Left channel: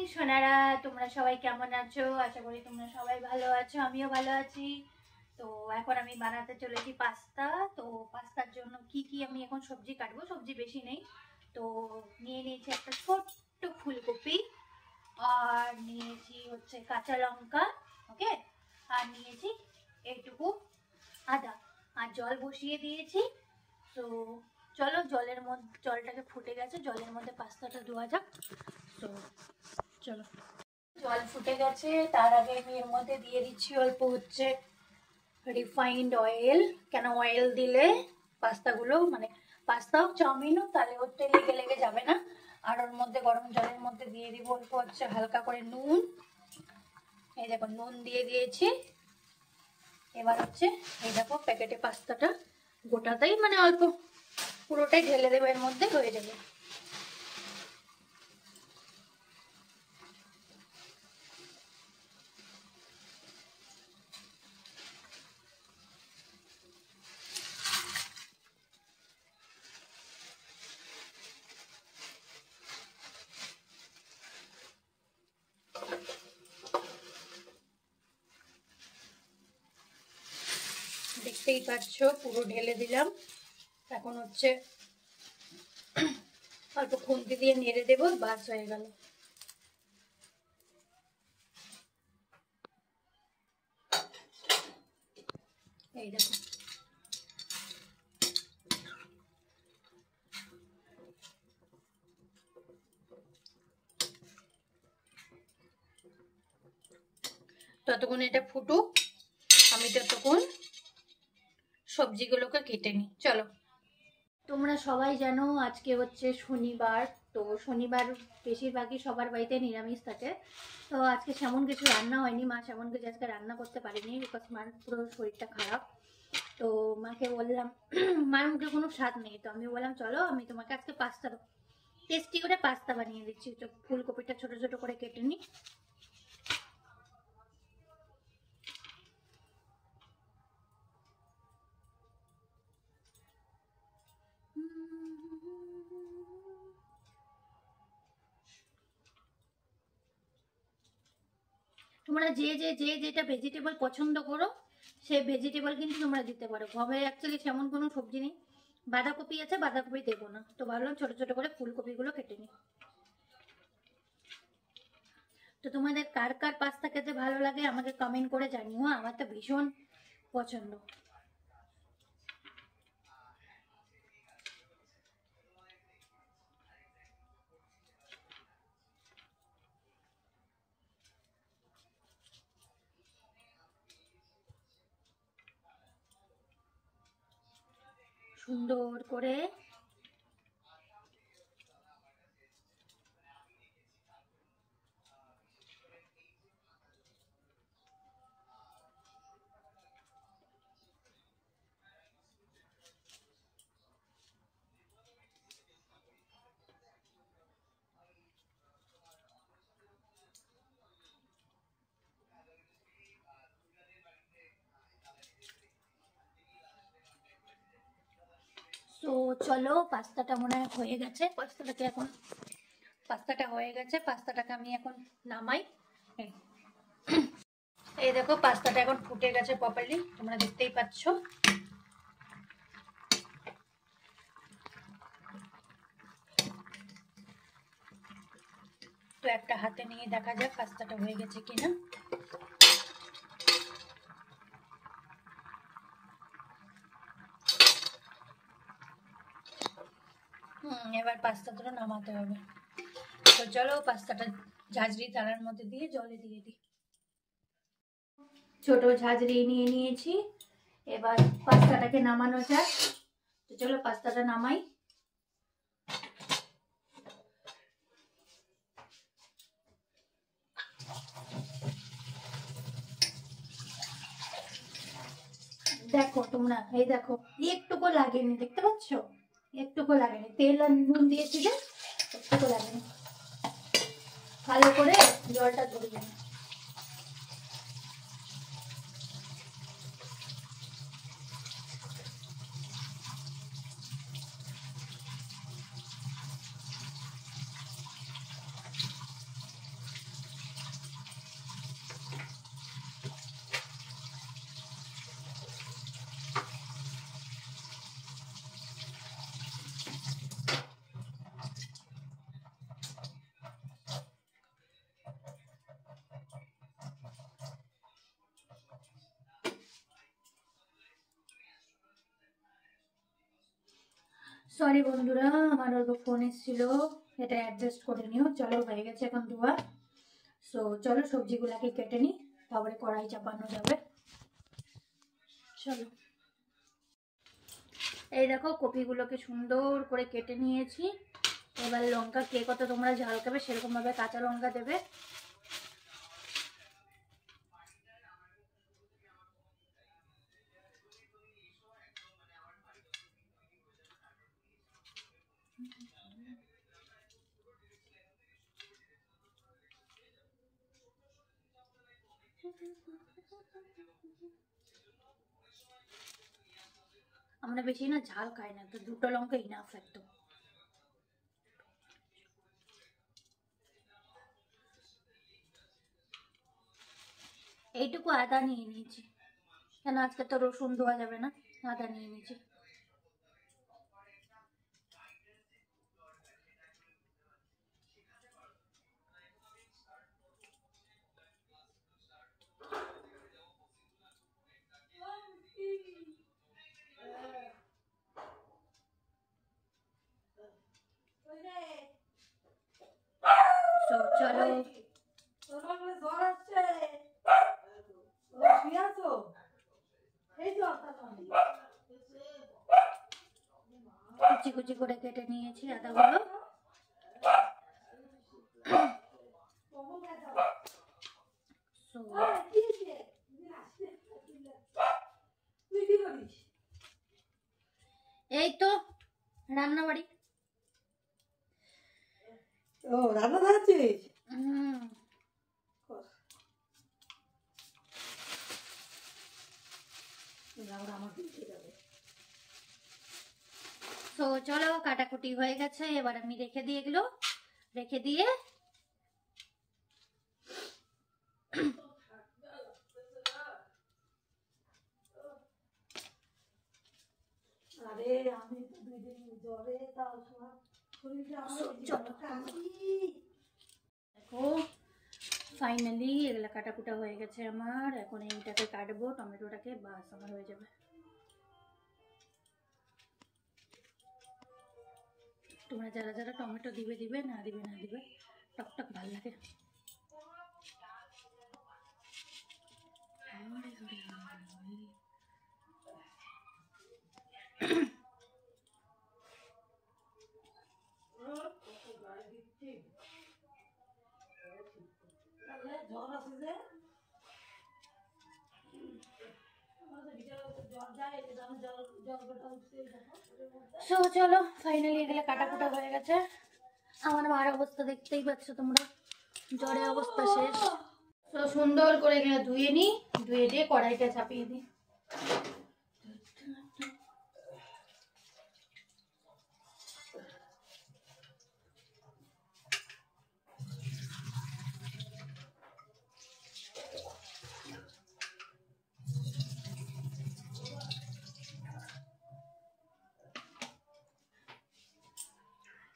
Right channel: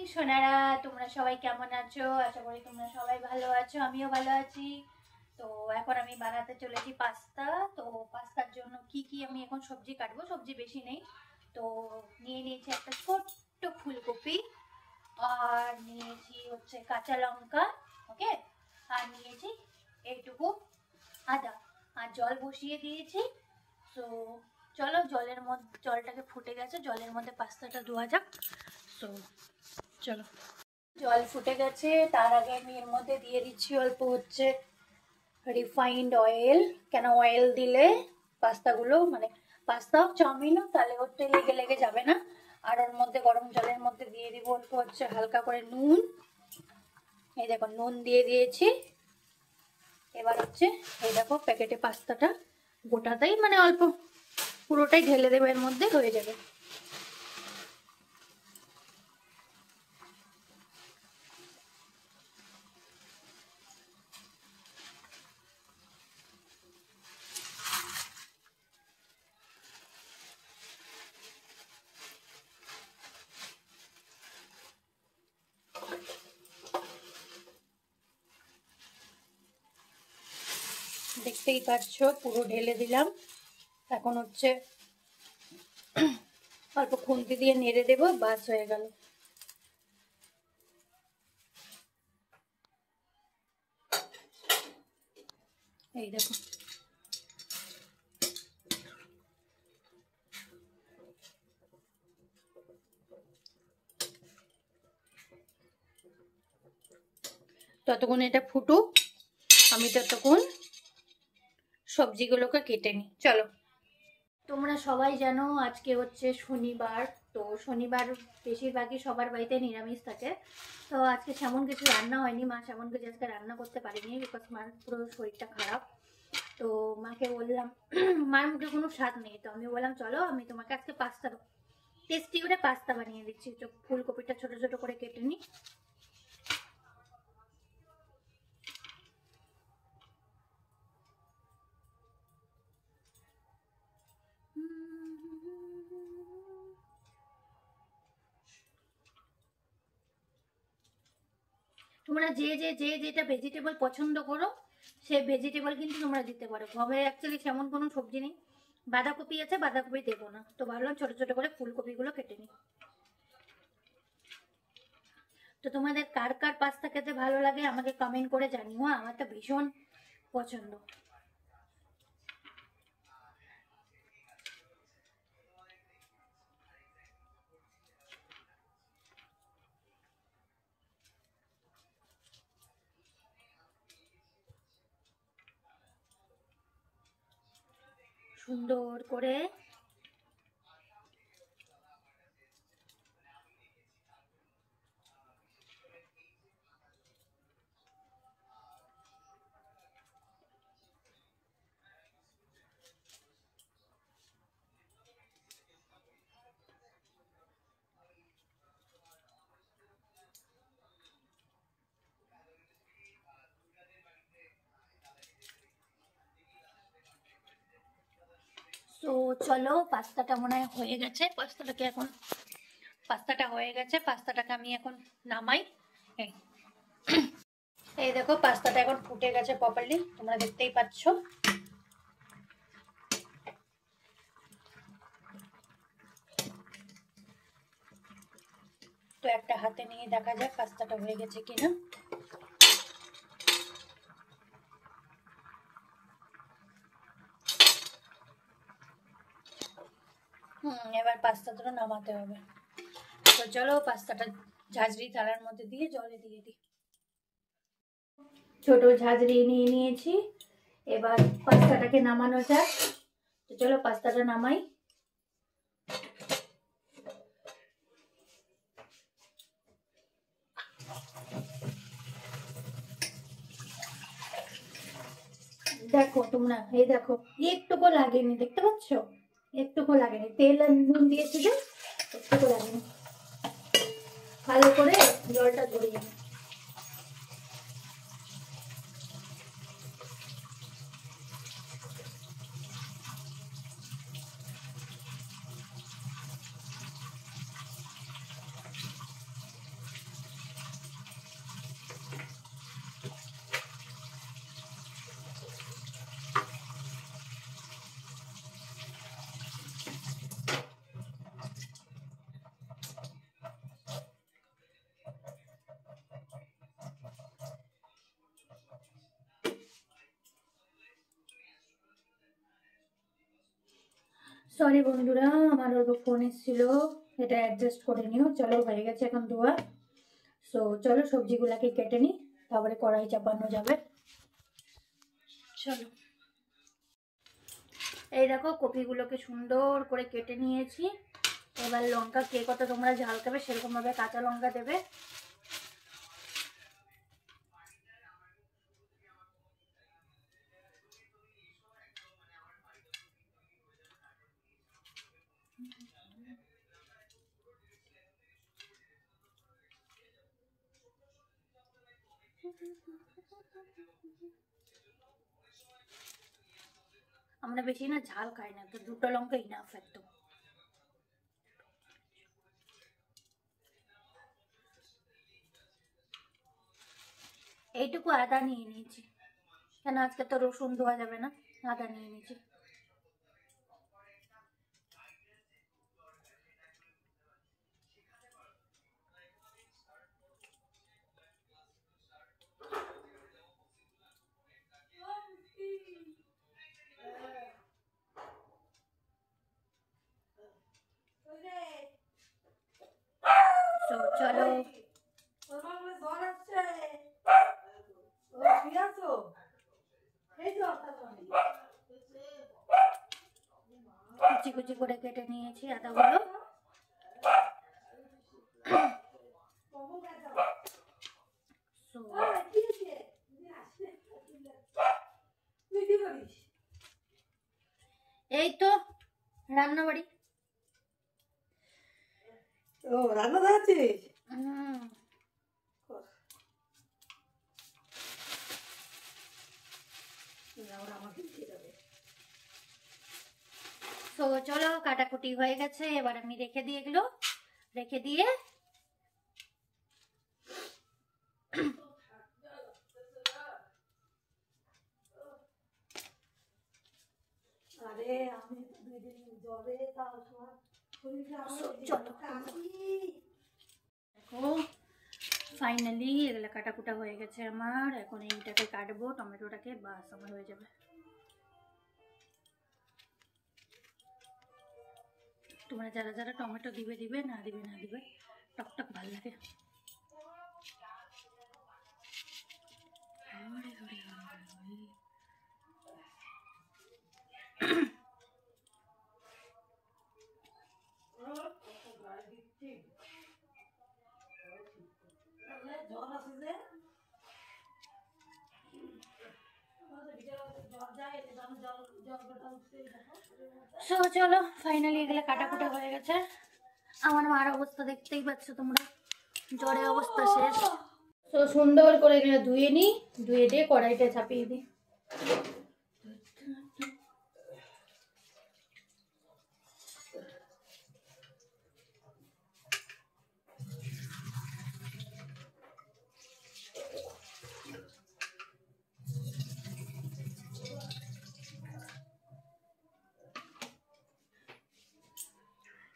Morning Sonara, তোমরা সবাই কেমন আছো? আশা করি তোমরা সবাই ভালো আছো, আমিও ভালো আছি। তো এখন আমি বানাতে চলেছি পাস্তা। তো পাস্তার জন্য কি আমি এখন সবজি কাটবো, সবজি বেশি নেই। তো নিয়ে নিয়েছি একটা ছোট্ট ফুলকপি, আর নিয়েছি হচ্ছে কাঁচা লঙ্কা, ওকে, আর নিয়েছি এইটুকু আদা, আর জল বসিয়ে দিয়েছি। তো চলো, জলটাকে ফুটে গেছে, জলের মধ্যে পাস্তাটা ধোয়া যাক। তো চলো, জল ফুটে গেছে। তার আগে আমি এর মধ্যে দিয়ে দিচ্ছি অল্প হচ্ছে রিফাইন্ড অয়েল। কেন অয়েল দিলে পাস্তাগুলো মানে পাস্তা হোক চাউমিন হোক তাহলে ওতে লেগে লেগে যাবে না। আর ওর মধ্যে গরম জলের মধ্যে দিয়ে দিব অল্প হচ্ছে হালকা করে নুন। এই দেখো নুন দিয়ে দিয়েছি। এবার হচ্ছে এই দেখো প্যাকেটে পাস্তাটা গোটাটাই মানে অল্প পুরোটাই ঢেলে দেবো, এর মধ্যে হয়ে যাবে। দেখতেই পাচ্ছ পুরো ঢেলে দিলাম। এখন হচ্ছে অল্প খুন্তি দিয়ে নেড়ে দেবো, বাস হয়ে গেল। এই দেখো ততক্ষণ এটা ফুটুক, আমি ততক্ষণ সবজিগুলোকে কেটে নিই। চলো, তোমরা সবাই জানো আজকে হচ্ছে শনিবার। তো শনিবার বেশিরভাগই সবার বাড়িতে নিরামিষ থাকে। তো আজকে সেমন কিছু রান্না হয়নি, মা সেমন কিছু আজকে রান্না করতে পারেনি, বিকজ মার পুরো শরীরটা খারাপ। তো মাকে বললাম মার মুখে কোনো স্বাদ নেই, তো আমি বললাম চলো আমি তোমাকে আজকে পাস্তা টেস্টি করে পাস্তা বানিয়ে দিচ্ছি। তো ফুলকপিটা ছোট ছোট করে কেটে নিই। তোমরা যেটা ভেজিটেবল পছন্দ করো সেই ভেজিটেবল কিন্তু তোমরা দিতে পারো। ঘরে অ্যাকচুয়ালি সেমন কোনো সবজি নেই, বাঁধাকপি আছে, বাঁধাকপি দেবো না, তো ভাবলাম ছোট ছোট করে ফুলকপিগুলো কেটে নিই। তো তোমাদের কার কার পাস্তা খেতে ভালো লাগে আমাকে কমেন্ট করে জানিও, আমার তো ভীষণ পছন্দ। সুন্দর করে তো চলো, পাস্তাটা মনে হয় হয়ে গেছে। পাস্তাটা হয়ে গেছে, পাস্তাটাকে আমি এখন নামাই। এই দেখো পাস্তাটা এখন ফুটে গেছে প্রপারলি, তোমরা দেখতেই পাচ্ছ। তো একটা হাতে নিয়ে দেখা যাক পাস্তাটা হয়ে গেছে কিনা। এবার পাস্তাটা নামাতে হবে। তো চলো পাস্তাটা ঝাঁঝরি থালার মধ্যে দিয়ে জলে দিয়ে দিই। ছোট ঝাঁঝরি নিয়ে নিয়েছি, এবার পাস্তাটাকে নামানো যাক। তো চলো পাস্তাটা নামাই। দেখো তোমরা, এই দেখো একটুকু লাগেনি, দেখতে পাচ্ছ একটুকু লাগেনি, তেল আর নুন দিয়েছি যে একটুকু লাগেনি। ভালো করে জলটা ঝরিয়ে নিই। সরি বন্ধুরা, আমার অল্প ফোন এসেছিল, এটা অ্যাডজাস্ট করে নিও। চলো, হয়ে গেছে এখন ধোয়া। সো চলো সবজিগুলাকে কেটে নিই, তারপরে কড়াই চাপানো যাবে। চলো, এই দেখো কপিগুলোকে সুন্দর করে কেটে নিয়েছি। এবার লঙ্কা কে কত তোমরা ঝাল খাবে সেরকম ভাবে কাঁচা লঙ্কা দেবে। আমরা বেশি না ঝাল খাই না, তো দুটো লঙ্কা ইনাফ একদম। এইটুকু আদা নিয়ে নিয়েছি, কেন আজকে তো রসুন ধোয়া যাবে না, আদা নিয়ে নিয়েছি। তো চলো, কুচি কুচি করে কেটে নিয়েছি আদাগুলো। এই তো রান্না বাড়ি। ও রান্না দেখাচ্ছিস? তো চলো, কাটাকুটি হয়ে গেছে, এবার আমি রেখে দিয়ে এগুলো রেখে দিয়ে আরে আমি তো 2 দিন জ্বরে, তাও সময় শরীরে আমার চলো দেখো, ফাইনালি এগুলো কাটাকুটা হয়ে গেছে আমার। এখন এইটাকে কাটবো, টমেটোটাকে, বাস আমার হয়ে যাবে। তোমরা যারা যারা টমেটো দিবে দিবে, না দিবে না দিবে, টকটক ভাল লাগে। জ্বর আছে যে সো চলো, ফাইনালি এগুলো কাটাকুটা হয়ে গেছে। আমার মার অবস্থা দেখতেই পাচ্ছ তোমরা, জ্বরের অবস্থা শেষ। তো সুন্দর করে এগুলো ধুয়ে নিই, ধুয়ে দিয়ে কড়াইটা চাপিয়ে দিই।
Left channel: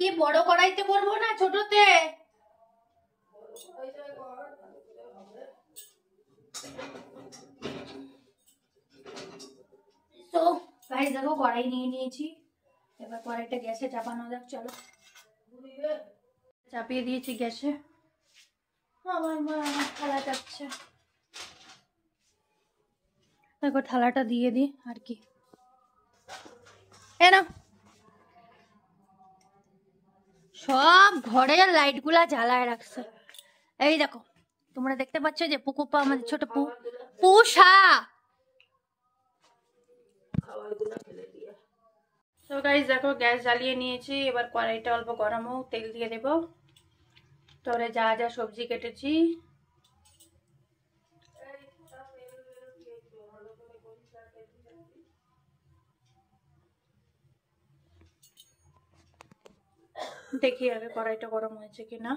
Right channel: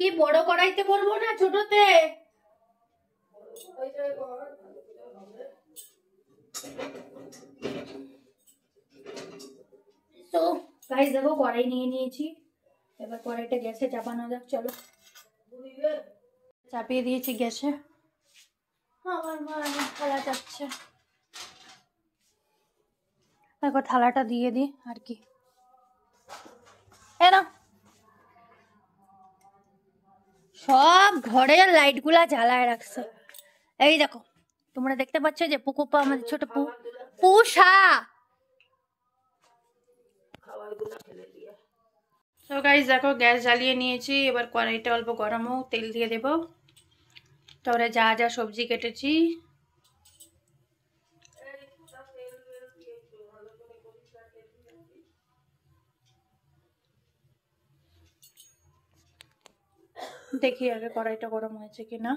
কি বড় কড়াইতে করবো না ছোটতে? তো গাইস দেখো, কড়াই নিয়ে নিয়েছি, এবার কড়াইটা গ্যাসে চাপানো যাক। চলো, চাপিয়ে দিয়েছি গ্যাসে। আমার মা থালা যাচ্ছে, একবার থালাটা দিয়ে দিই আর কি। এ না, সব ঘরের লাইট গুলা জ্বালায় রাখছে। এই দেখো, তোমরা দেখতে পাচ্ছ যে পুকুপা, আমাদের ছোট পুষা। তো গাইস দেখো, গ্যাস জ্বালিয়ে নিয়েছি, এবার কড়াইটা অল্প গরম হোক, তেল দিয়ে দেবো। তারপরে যা যা সবজি কেটেছি দেখি আগে কড়াইটা গরম হয়েছে কিনা।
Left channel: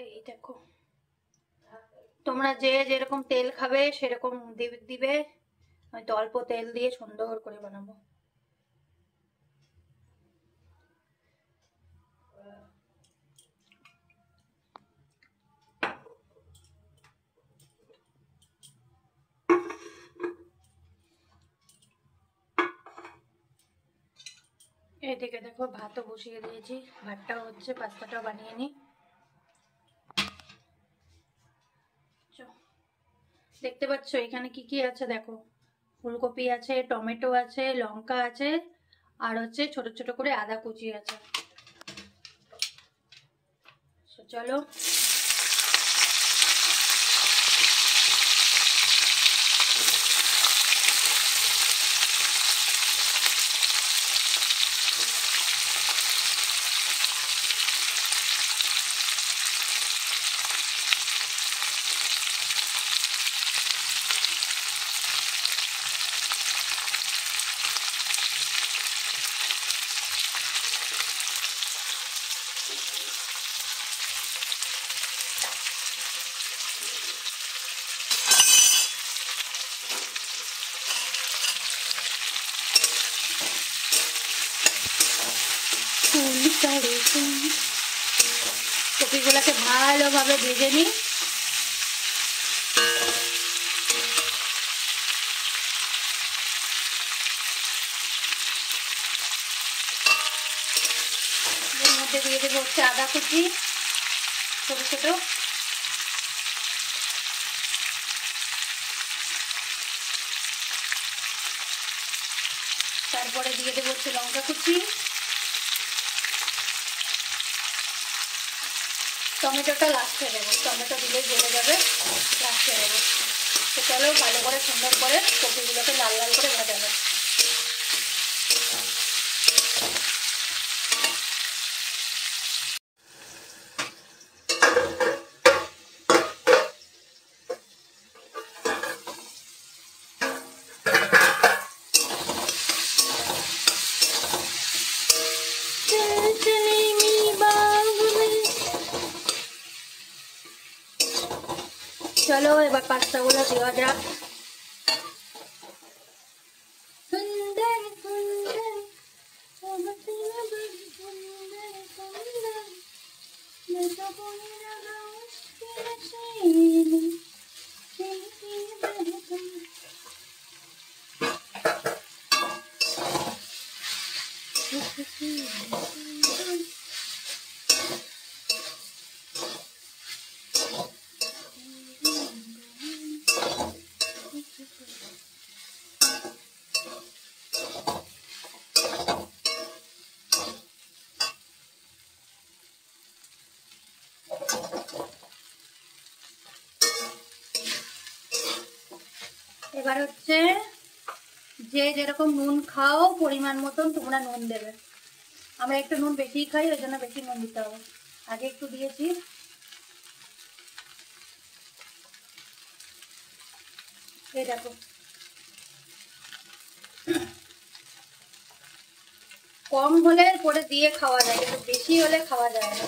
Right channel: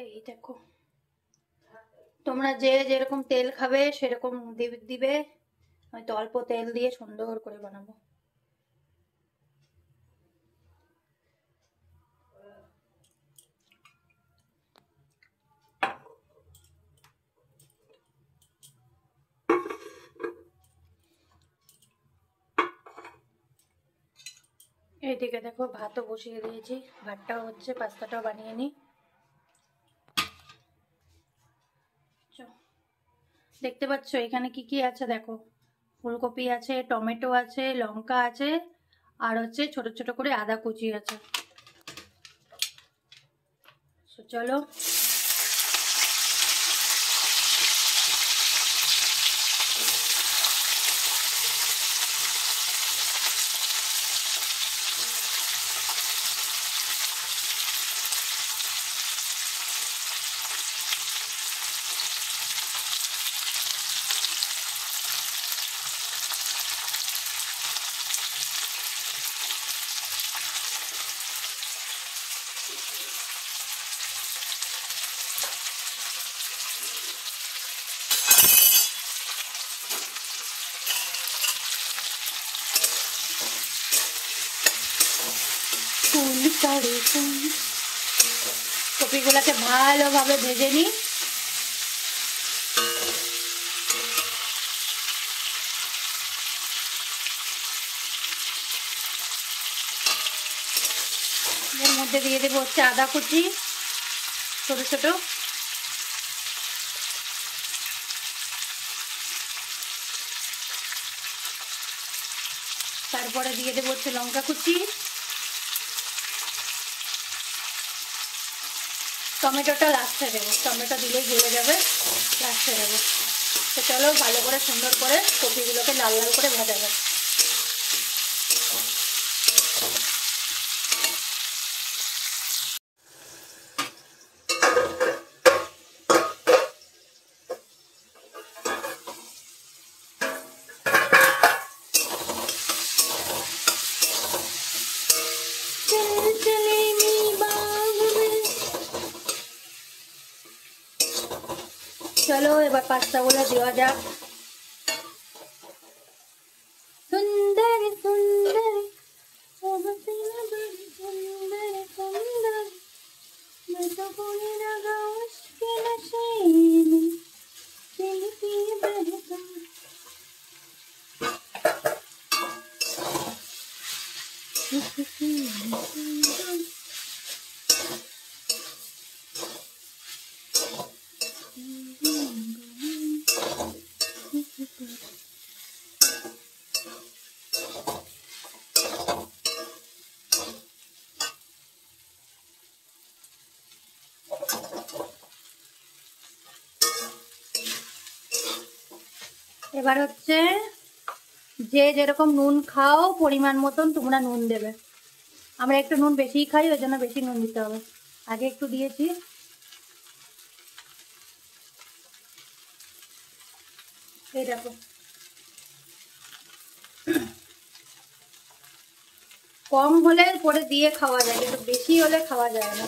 এই দেখো, তোমরা যে যেরকম তেল খাবে সেরকম দিবে, হয়তো অল্প তেল দিয়ে সুন্দর করে বানাবো। থেকে দেখো ভাতও বসিয়ে দিয়েছি, ভাতটাও হচ্ছে, পাস্তাটাও বানিয়ে নিই। দেখতে পাচ্ছ এখানে কি কি আছে দেখো, ফুলকপি আছে, টমেটো আছে, লঙ্কা আছে, আর হচ্ছে ছোট ছোট করে আদা কুচি আছে। চলো কপিগুলোকে ভালোভাবে ভেজে নিই। এর মধ্যে দিয়ে দেবো হচ্ছে আদা কুচি ছোট ছোট, তারপরে দিয়ে দেবো হচ্ছে লঙ্কা কুচি, টমেটোটা লাস্টে দেবো, টমেটো দিলেই গলে যাবে, লাস্টে দেবো। তো চলো ভালো করে সুন্দর করে কপিগুলোকে লাল লাল করে ভাজা যাবে। চলো এবার পাস্তাগুলো দেওয়া যাক। সুন্দর সুন্দর এবার হচ্ছে যে যেরকম নুন খাও পরিমাণ মতন তোমরা নুন দেবে। আমরা একটু নুন বেশিই খাই, ওই জন্য বেশি নুন দিতে হবে। আগে একটু দিয়েছি, এই দেখো। কম হলে পরে দিয়ে খাওয়া যায়, কিন্তু বেশি হলে খাওয়া যায় না।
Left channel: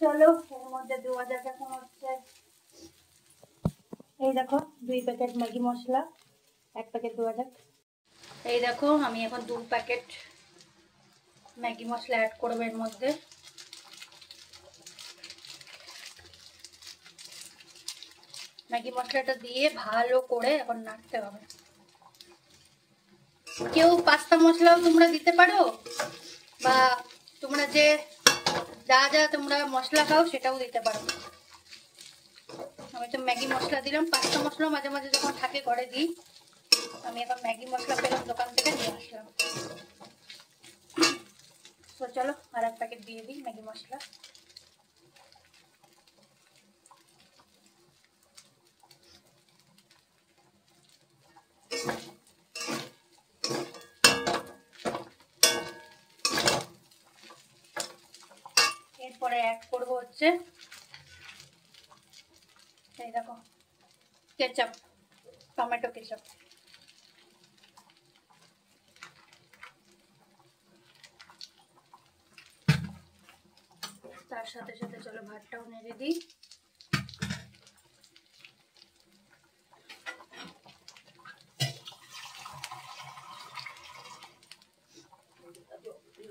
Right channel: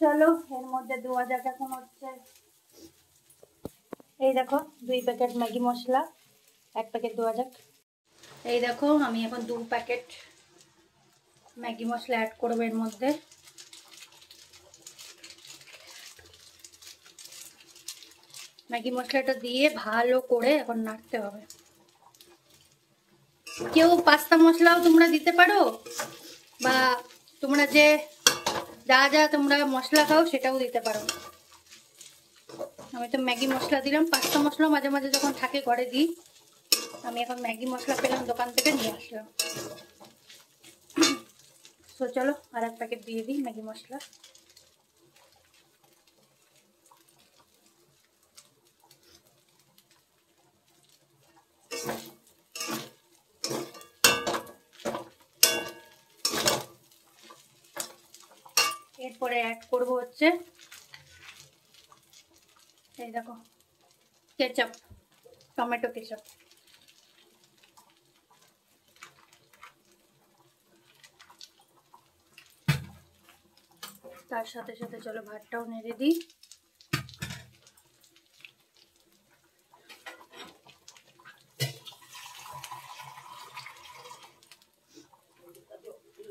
চলো এর মধ্যে দেওয়া যাক এখন হচ্ছে, এই দেখো 2 প্যাকেট ম্যাগি মশলা, 1 প্যাকেট দেওয়া যাক। এই দেখো আমি এখন 2 প্যাকেট ম্যাগি মশলা অ্যাড করবো এর মধ্যে। ম্যাগি মশলাটা দিয়ে ভালো করে এখন নাড়তে হবে। কেউ পাস্তা মশলাও তোমরা দিতে পারো, বা তোমরা যে যা যা তোমরা মশলা খাও সেটাও দিতে পারো। আমি তো ম্যাগি মশলা দিলাম, পাস্তা মশলা মাঝে মাঝে যখন থাকে ঘরে দিই। আমি এখন ম্যাগি মশলা পেলাম দোকান থেকে, নিয়ে আসলাম। তো চলো আর 1 প্যাকেট দিয়ে দিই ম্যাগি মশলা। এরপরে অ্যাড করবো হচ্ছে এই দেখো কেচাপ, টমেটো কেচাপ। তার সাথে সাথে চলো ভাতটাও নেড়ে দিই।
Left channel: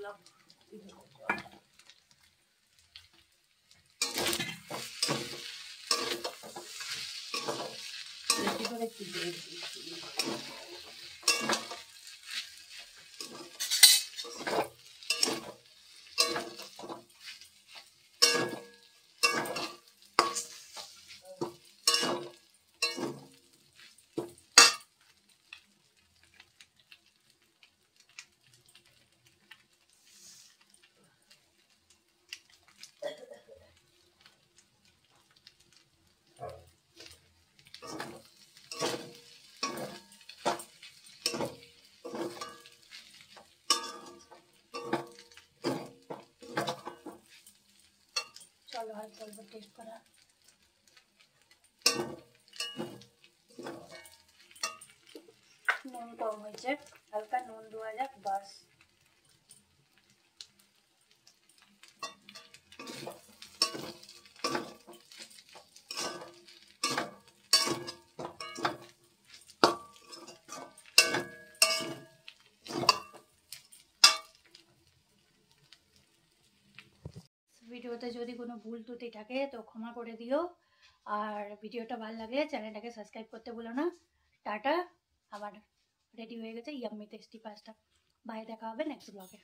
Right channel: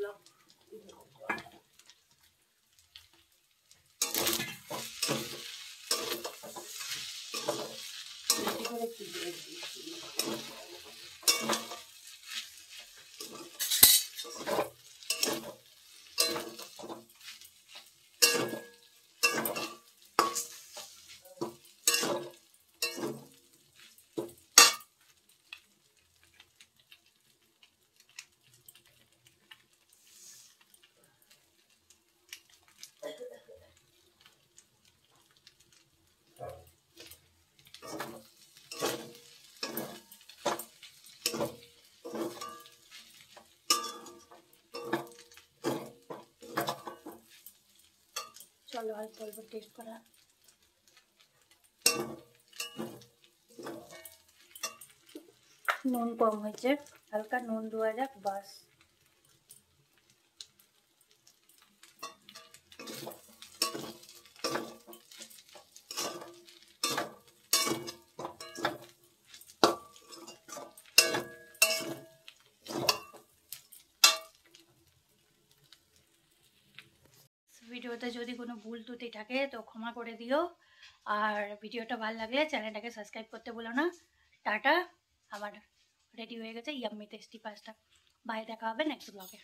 দিলাম। বেশি করে চিবিয়ে দিচ্ছি। চলো হয়তো একবার টেস্ট করা। নুন কম হয়েছে, হালকা নুন দেওয়া যাক বাস। ভিডিওতে যদি কোনো ভুল ত্রুটি থাকে তো ক্ষমা করে দিও, আর ভিডিওটা ভালো লাগলে চ্যানেলটাকে সাবস্ক্রাইব করতে ভুলো না। টাটা, আমার রেডি হয়ে গেছে ইয়াম্মি টেস্টি পাস্তা। বাই, দেখা হবে নেক্সট ব্লগে।